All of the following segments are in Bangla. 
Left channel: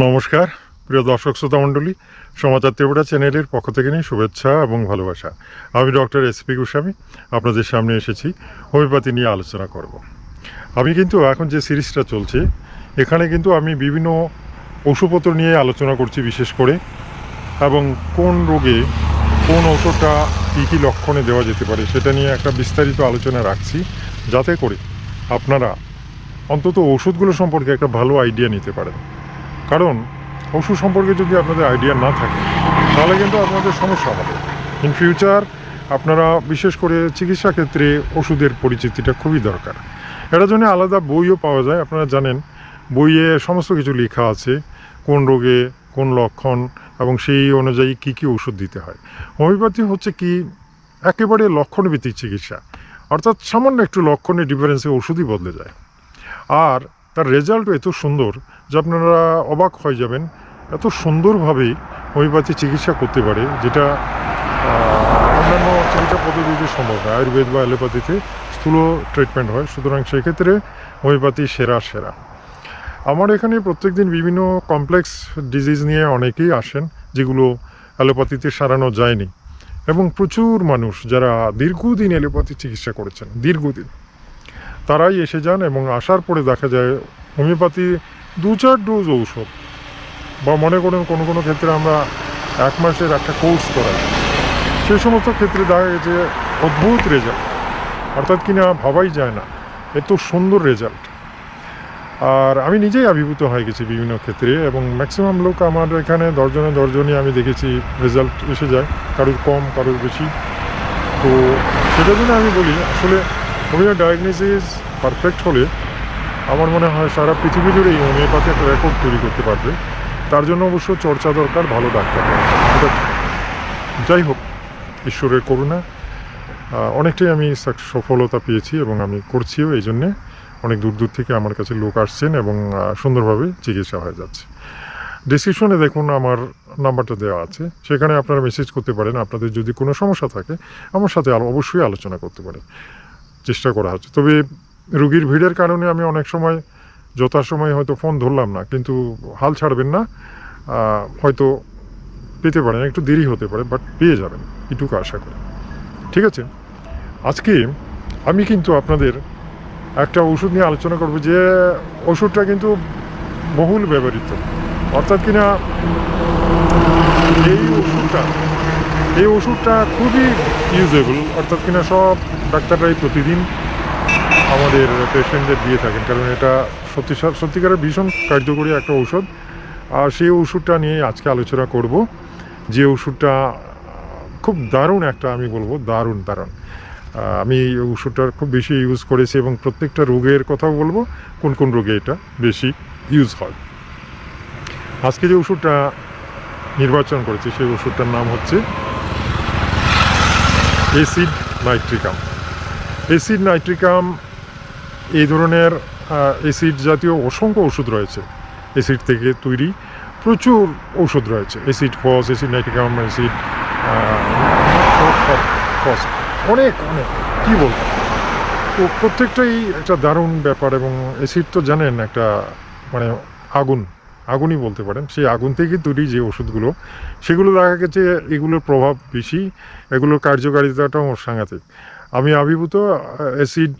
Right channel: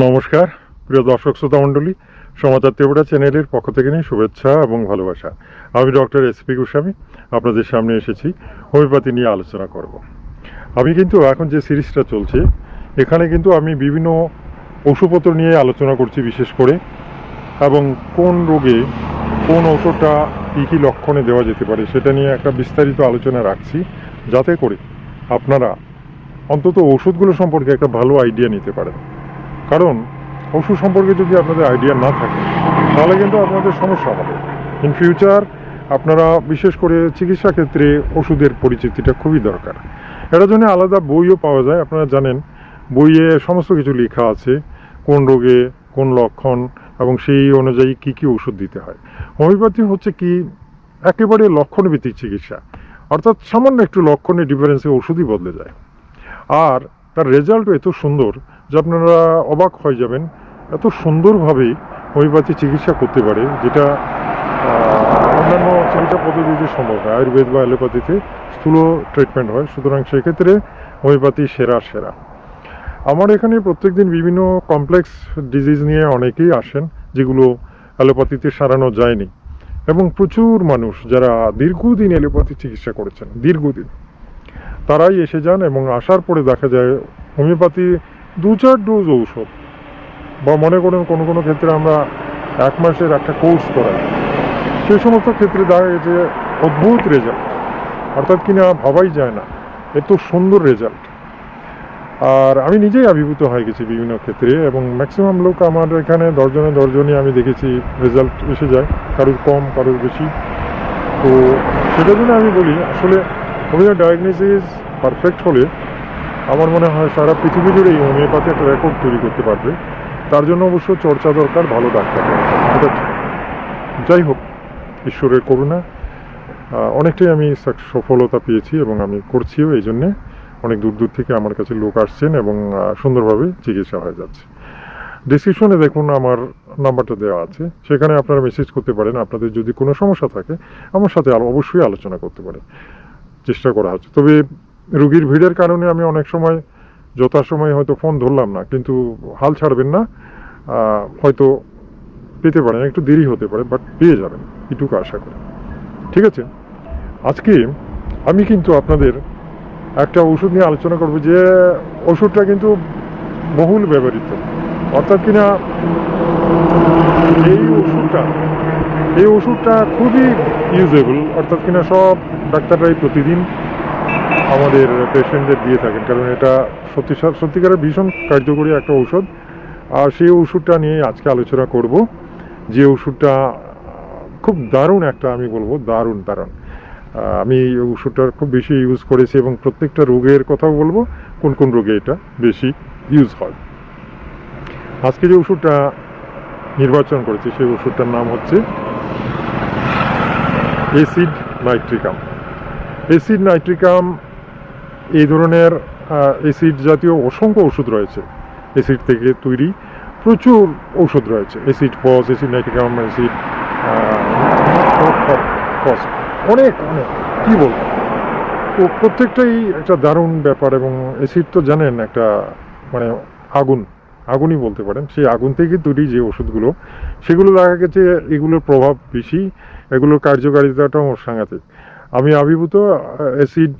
নমস্কার, প্রিয় দর্শক শ্রোতা মণ্ডলী সমাচার ত্রিপুরা চ্যানেলের পক্ষ থেকে নিয়ে শুভেচ্ছা এবং ভালোবাসা। আমি ডক্টর এস পি গোস্বামী, আপনাদের সামনে এসেছি, হোমিওপ্যাথি নিয়ে আলোচনা করব। আমি কিন্তু এখন যে সিরিজটা চলছে, এখানে কিন্তু আমি বিভিন্ন ওষুধপত্র নিয়ে আলোচনা করছি বিশেষ করে, এবং কোন রোগে কোন ওষুধটা কী কী লক্ষণে দেওয়া যেতে পারে সেটা নিয়ে একটা বিস্তারিত আলোচনা রাখছি, যাতে করে আপনারা অন্তত ওষুধগুলো সম্পর্কে একটা ভালো আইডিয়া নিতে পারেন। কারণ ওষুধ সম্পর্কে যদি আপনাদের আইডিয়া না থাকে, তাহলে কিন্তু আপনাদের সমস্যা হবে। ইন ফিউচার আপনারা বিশেষ করে চিকিৎসা ক্ষেত্রে ওষুধের পরিচিতিটা খুবই দরকার। এটার জন্য আলাদা বইও পাওয়া যায়, আপনারা জানেন, বইয়ে সমস্ত কিছু লেখা আছে, কোন রোগে, কোন লক্ষণ, এবং সেই অনুযায়ী কি কি ওষুধ দিতে হয়। হোমিওপ্যাথি হচ্ছে কি, একেবারে লক্ষণভিত্তিক চিকিৎসা। অর্থাৎ সামান্য একটু লক্ষণের ডিফারেন্সে ওষুধই বদলে যায়। আর তার রেজাল্টও এত সুন্দর যে আপনারা অবাক হয়ে যাবেন, এত সুন্দরভাবে হোমিওপ্যাথি চিকিৎসা করতে পারে, যেটা অন্যান্য চিকিৎসা পদ্ধতিতে সম্ভব নয়। আয়ুর্বেদ বা অ্যালোপ্যাথিতে স্থূল ট্রিটমেন্ট হয়, সুতরাং সেক্ষেত্রে হোমিওপ্যাথি সেরা সেরা। আমার এখানে প্রত্যেকদিন বিভিন্ন কমপ্লেক্স ডিজিজ নিয়ে অনেকেই আসেন, যেগুলো অ্যালোপ্যাথিতে সারানো যায়নি। এবং প্রচুর মানুষ যারা দীর্ঘদিন অ্যালোপ্যাথি চিকিৎসা করেছেন, দীর্ঘদিন, তারাই এসে যান এবং আসার পরে দেখা যায়, হোমিওপ্যাথি দু চার ডোজ ঔষধ। বা মনে করেন কোনো কোনো ক্ষেত্রে আমরা এক মাসের একটা কোর্স করাই। সেই সমস্ত ক্ষেত্রে দেখা গেছে অদ্ভুত রেজাল্ট অর্থাৎ কিনা ভাবাই যায় না। এত সুন্দর রেজাল্ট আর আমি নিজেই আবির্ভূত হয়ে গেছি বিভিন্ন ক্ষেত্রে এবং ম্যাক্সিমাম লোক আমার এখানে দশজনে দশজনই আমি দেখেছি রেজাল্ট এসে যায়, কারোর কম, কারোর বেশি। তো সেটার জন্য আমি বলি, আসলে হোমিও ডায়াগনোসিস পারফেক্ট হলে আমার মনে হয় সারা পৃথিবী জুড়েই হোমিওপ্যাথি একটা রেকর্ড তৈরি করতে পারবে। তার জন্য অবশ্য চর্চা দরকার, ভালো ডাক্তার যাই হোক, ঈশ্বরের করুণা অনেকটাই আমি সফলতা পেয়েছি এবং আমি করছিও এই জন্যে। অনেক দূর দূর থেকে আমার কাছে লোক আসছেন এবং সুন্দরভাবে চিকিৎসা হয়ে যাচ্ছে। ডিসক্রিপশনে দেখুন আমার নাম্বারটা দেওয়া আছে। সেখানে আপনারা মেসেজ করতে পারেন। আপনাদের যদি কোনো সমস্যা থাকে, আমার সাথে অবশ্যই আলোচনা করতে পারেন। চেষ্টা করা হচ্ছে। তবে রুগীর ভিড়ের কারণে আমি অনেক সময়, যথাসময়ে হয়তো ফোন ধরলাম না, কিন্তু হাল ছাড়বেন না হয়তো পেতে পারেন, একটু দেরি হতে পারে বাট পেয়ে যাবেন, এটুকু আশা করি। ঠিক আছে? আজকে আমি কিন্তু আপনাদের একটা ওষুধ নিয়ে আলোচনা করব যে ওষুধটা কিন্তু বহুল ব্যবহৃত। অর্থাৎ কিনা এই ওষুধটা এই ওষুধটা খুবই ইউজেবল অর্থাৎ কিনা সব ডাক্তাররাই প্রতিদিন আমাদের পেশেন্টদের দিয়ে থাকেন, কারণ এটা সত্যি সত্যিকারের ভীষণ কার্যকরী একটা ঔষধ। আর সেই ওষুধটা নিয়ে আজকে আলোচনা করব। যে ওষুধটা খুব দারুণ একটা আমি বলব, দারুণ দারুণ। আমি ওষুধটা খুব বেশি ইউজ করেছি এবং প্রত্যেকটা রোগের কথাও বলব, কোন কোন রোগে এটা বেশি ইউজ হয়। আজকে যে ওষুধটা নির্বাচন করেছি, সেই ওষুধটার নাম হচ্ছে এসিড নাইট্রিকাম এসিড নাইট্রিকাম এই ধরনের অ্যাসিড জাতীয় অসংখ্য ওষুধ রয়েছে। অ্যাসিড থেকে তৈরি প্রচুর ওষুধ রয়েছে। Acid phos acid nitricum acid phos অনেক অনেক। কী বলব? তো প্রত্যেকটাই একটা দারুণ ব্যাপার এবং অ্যাসিড তো জানেন একটা মানে আগুন, আগুনই বলতে পারেন। সেই আগুন থেকে তৈরি যে ওষুধগুলো, সেগুলো দেখা গেছে এগুলোর প্রভাব বেশি, এগুলোর কার্যকারিতাটাও সাংঘাতিক। আমি আবির্ভূত অ্যাসিড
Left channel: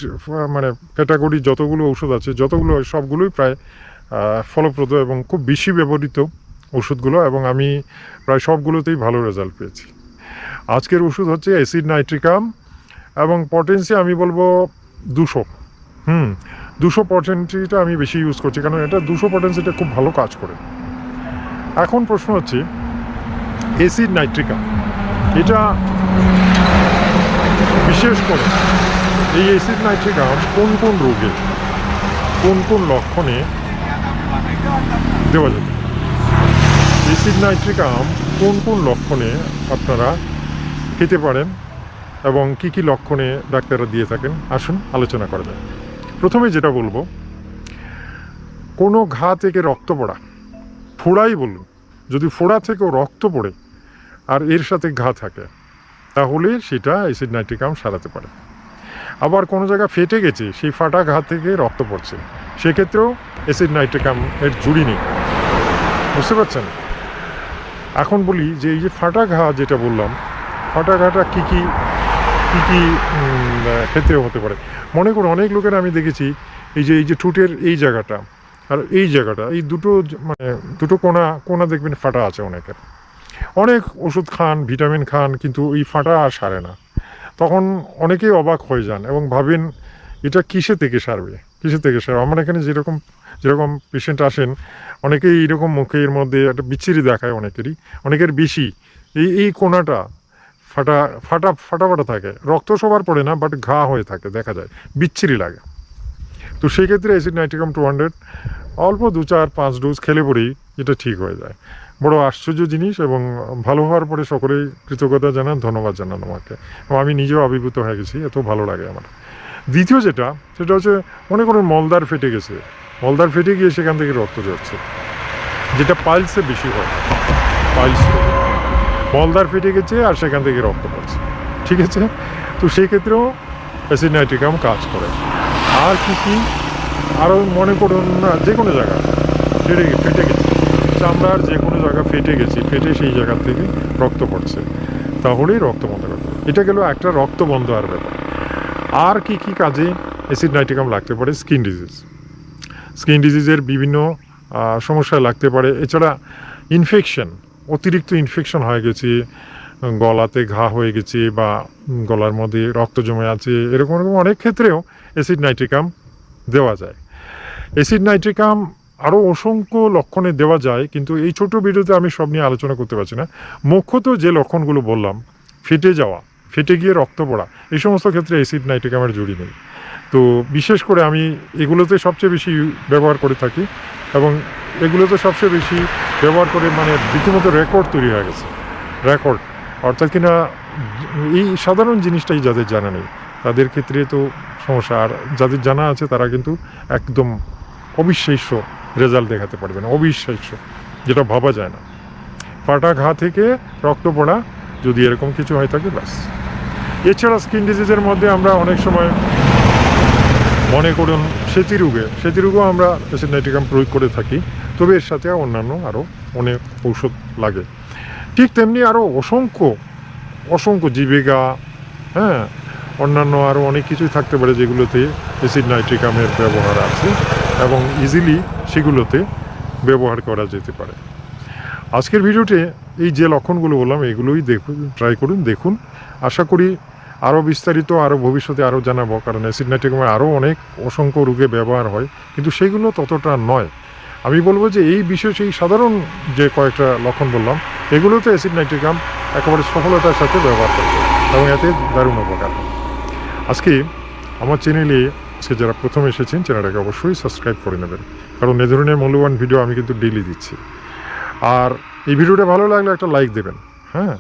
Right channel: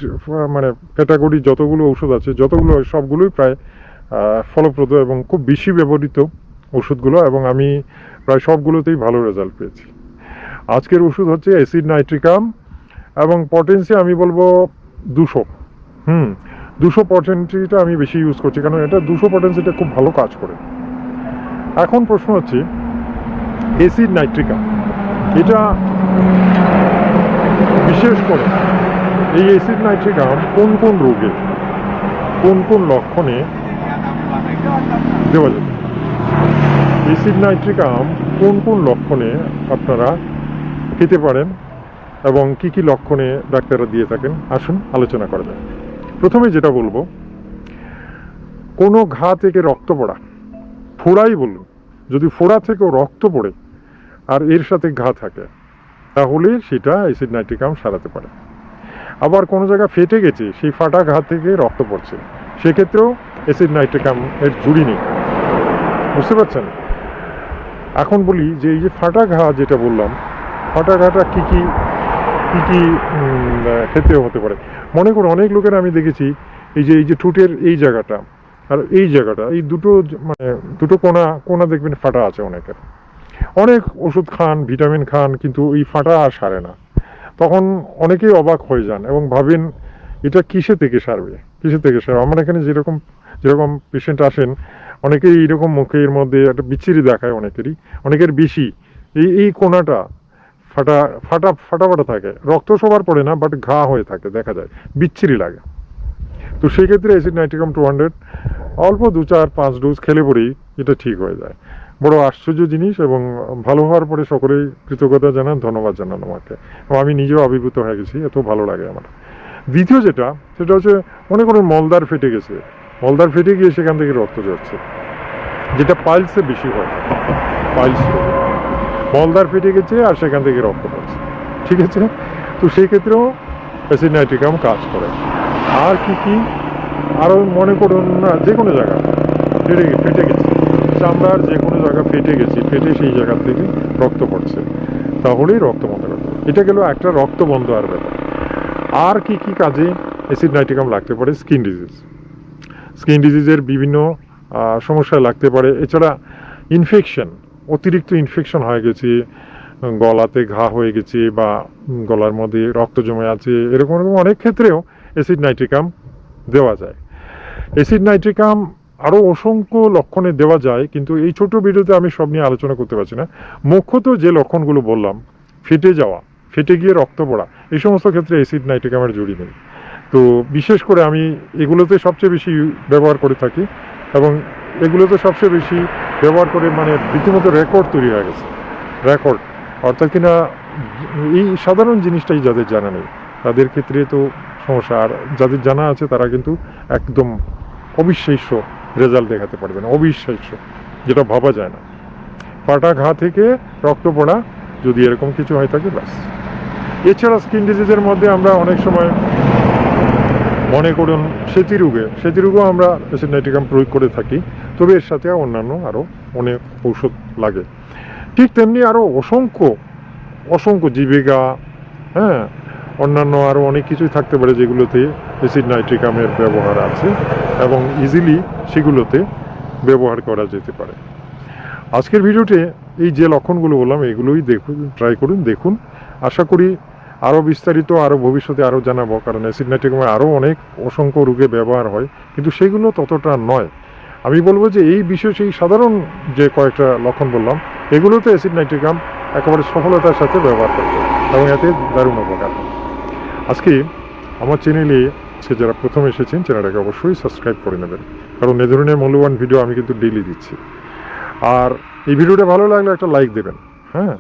মানে ক্যাটাগরি যতগুলো ওষুধ আছে, যতগুলো সবগুলোই প্রায় ফলপ্রদ এবং খুব বেশি ব্যবহৃত ওষুধগুলো এবং আমি প্রায় সবগুলোতেই ভালো রেজাল্ট পেয়েছি। আজকের ওষুধ হচ্ছে অ্যাসিড নাইট্রিকাম এবং পটেন্সি আমি বলব দুশো। হুম, দুশো পটেন্সিটা আমি বেশি ইউজ করছি, কারণ এটা দুশো পটেন্সিটা খুব ভালো কাজ করে। এখন প্রশ্ন হচ্ছে অ্যাসিড নাইট্রিকাম এটা বিশেষ করে এই অ্যাসিড নাইট্রিকাম কোন কোন রোগে, কোন কোন লক্ষণে দেওয়া যাবে? অ্যাসিড নাইট্রিকাম কোন কোন লক্ষণে আপনারা খেতে পারেন এবং কি কি লক্ষণে ডাক্তাররা দিয়ে থাকেন? আসুন, আলোচনা করা যায় প্রথমে যেটা বলব, কোনো ঘা থেকে রক্ত পড়া, ফোড়াই বলুন। যদি ফোড়া থেকেও রক্ত পড়ে আর এর সাথে ঘা থাকে তাহলে সেটা অ্যাসিড নাইট্রিকাম সারাতে পারে। আবার কোনো জায়গা ফেটে গেছে, সেই ফাটা ঘা থেকে রক্ত পড়ছে। সেক্ষেত্রেও অ্যাসিড নাইট্রিকাম এর জুড়ি নেই। বুঝতে পারছেন? এখন বলি যে এই যে ফাটা ঘা যেটা বললাম, ফাটা ঘাটা কী কী কী কী ক্ষেত্রে হতে পারে। মনে করো অনেক লোকের আমি দেখেছি, এই যে এই যে ঠোঁটের এই জায়গাটা আর এই জায়গাটা, এই দুটো মানে দুটো কোনা কোনা দেখবেন ফাটা আছে অনেকের। অনেক ওষুধ খান, ভিটামিন খান, কিন্তু এই ফাটা আর সারে না। তখন অনেকেই অবাক হয়ে যান এবং ভাবেন, এটা কিসে থেকে সারবে? কিসে থেকে সারবে? আমার এখানে যেরকম যেরকম পেশেন্ট আসেন, অনেকেই এইরকম মুখের মধ্যে একটা বিচ্ছিরি দেখায় অনেকেরই। অনেকের বেশি। এই এই কোনাটা ফাটা ফাটা ফাটা ফাটা থাকে। রক্ত সবার পড়ে না বাট ঘা হয়ে থাকে, দেখা যায়। বিচ্ছিরি লাগে। তো সেই ক্ষেত্রে নাইট্রিকাম টু হান্ড্রেড অল্প দু চার, পাঁচ ডোজ খেলে পরেই এটা ঠিক হয়ে যায়। বড় আশ্চর্য জিনিস এবং ভালো হওয়ার পরে সকলেই কৃতজ্ঞতা জানান, ধন্যবাদ জানান আমাকে। এবং আমি নিজেও আবির্ভূত হয়ে গেছি, এত ভালো লাগে আমার। দ্বিতীয় যেটা, সেটা হচ্ছে মনে করুন মলদার ফেটে গেছে। মলদার ফেটে গিয়ে সেখান থেকে রক্ত যাচ্ছে যেটা পাইলসে বেশি হয়। পাইলস মলদার ফেটে গেছে আর সেখান থেকে রক্ত পড়ছে। ঠিক আছে? তো সেই ক্ষেত্রেও কাজ করে। আর কি কি? আরও মনে করুন না, যে কোনো জায়গা ফেটে ফেটে গেছে। চামড়ার যে কোনো জায়গা ফেটে গেছে, ফেটে সেই জায়গা থেকে রক্ত পড়ছে। তাহলেই রক্ত বন্ধ করবে এটা গেল একটা রক্ত বন্ধ আর ব্যাপার। আর কি কি কাজে অ্যাসিড নাইট্রিকাম লাগতে পারে? Skin disease. স্কিন ডিজিজের বিভিন্ন সমস্যায় লাগতে পারে। এছাড়া ইনফেকশন, অতিরিক্ত ইনফেকশন হয়ে গেছে, গলাতে ঘা হয়ে গেছে বা গলার মধ্যে রক্ত জমে আছে, এরকম এরকম অনেক ক্ষেত্রেও অ্যাসিড নাইট্রিকাম দেওয়া যায়। অ্যাসিড নাইট্রিকাম আরও অসংখ্য লক্ষণে দেওয়া যায়, কিন্তু এই ছোট ভিডিওতে আমি সব নিয়ে আলোচনা করতে পারছি না। মুখ্যত যে লক্ষণগুলো বললাম, ফেটে যাওয়া, ফেটে গিয়ে রক্ত পড়া, এই সমস্ত ক্ষেত্রে অ্যাসিড নাইট্রিকামের জুড়ি নেই। তো বিশেষ করে আমি এগুলোতে সবচেয়ে বেশি ব্যবহার করে থাকি এবং এগুলোতে সবচেয়ে বেশি ব্যবহার করে মানে রীতিমতো রেকর্ড তৈরি হয়ে গেছে। রেকর্ড। অর্থাৎ কিনা এই সাধারণ জিনিসটাই যাদের জানা নেই, তাদের ক্ষেত্রে তো সমস্যা। আর যাদের জানা আছে তারা কিন্তু একদম অবিশ্বাস্য রেজাল্ট দেখাতে পারবেন অবিশ্বাস্য, যেটা ভাবা যায় না। ফাটা ঘা থেকে রক্ত পড়া, যদি এরকম কিছু হয়ে থাকে, ব্যাস। এছাড়া স্কিন ডিজিজের মধ্যে আমরা অনেক সময় মনে করুন সেতি রোগে সেতি রোগেও আমরা অ্যাসিড নাইট্রিকাম প্রয়োগ করে থাকি, তবে এর সাথে অন্যান্য আরও অনেক ঔষধ লাগে। ঠিক তেমনি আরও অসংখ্য অসংখ্য জীবিকা হ্যাঁ অন্যান্য আরও অনেক কিছুই থাকতে পারে যেগুলোতে অ্যাসিড নাইট্রিকামের ব্যবহার আছে। এবং ইজিলি সেগুলোতে ব্যবহার করা যেতে পারে। আজকের ভিডিওতে এই যে লক্ষণগুলো বললাম, এগুলোই দেখুন ট্রাই করুন, দেখুন। আশা করি আরও বিস্তারিত, আরও ভবিষ্যতে আরও জানাব, কারণ অ্যাসিড নাইট্রিকামের আরও অনেক অসংখ্য রোগে ব্যবহার হয়, কিন্তু সেগুলো ততটা নয়। আমি বলব যে এই বিশেষ, এই সাধারণ যে কয়েকটা লক্ষণ বললাম, এগুলোতে অ্যাসিড নাইট্রিকাম একেবারে সফলতার সাথে ব্যবহার করবে এবং এতে দারুণ উপকার আজকে আমার চ্যানেলে আজকে যারা প্রথম এসেছেন, চ্যানেলটাকে অবশ্যই সাবস্ক্রাইব করে নেবেন। কারণ এ ধরনের মূল্যবান ভিডিও আমি কিন্তু ডেইলি দিচ্ছি। আর এই ভিডিওটা ভালো লাগলে একটা লাইক দেবেন হ্যাঁ?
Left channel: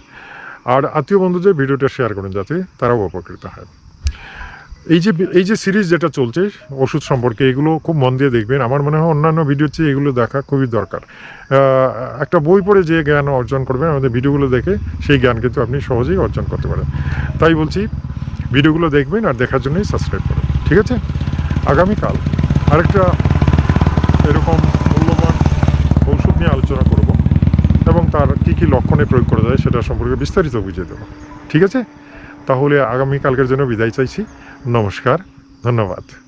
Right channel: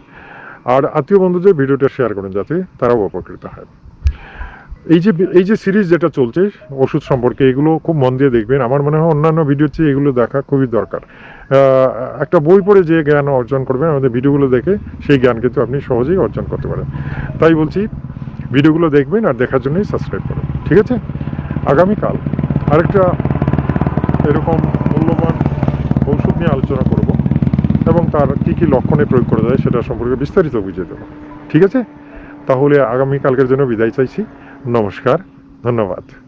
আর আত্মীয় বন্ধুদের ভিডিওটা শেয়ার করেন যাতে তারাও উপকৃত হয়। এই যে এই যে সিরিজ যেটা চলছে, ওষুধ সম্পর্কে এগুলো খুব মন দিয়ে দেখবেন। আমার মনে হয় অন্যান্য ভিডিও চেয়ে এগুলো দেখা খুবই দরকার। একটা বই পড়ে যে জ্ঞান অর্জন করবেন, আমাদের ভিডিওগুলো দেখে সেই জ্ঞান কিন্তু আপনি সহজেই অর্জন করতে পারেন। তাই বলছি, ভিডিওগুলো দেখবেন আর দেখার জন্যই সাবস্ক্রাইব করুন। ঠিক আছে? আগামীকাল আরেকটা এরকম মূল্যবান ঔষধ নিয়ে আলোচনা করব এবং তার কী কী লক্ষণে প্রয়োগ করা যায় সেটা সম্পর্কে বিস্তারিত বুঝিয়ে দেবো। ঠিক আছে? তাহলে আগামীকালকের জন্য বিদায় চাইছি। নমস্কার, ধন্যবাদ।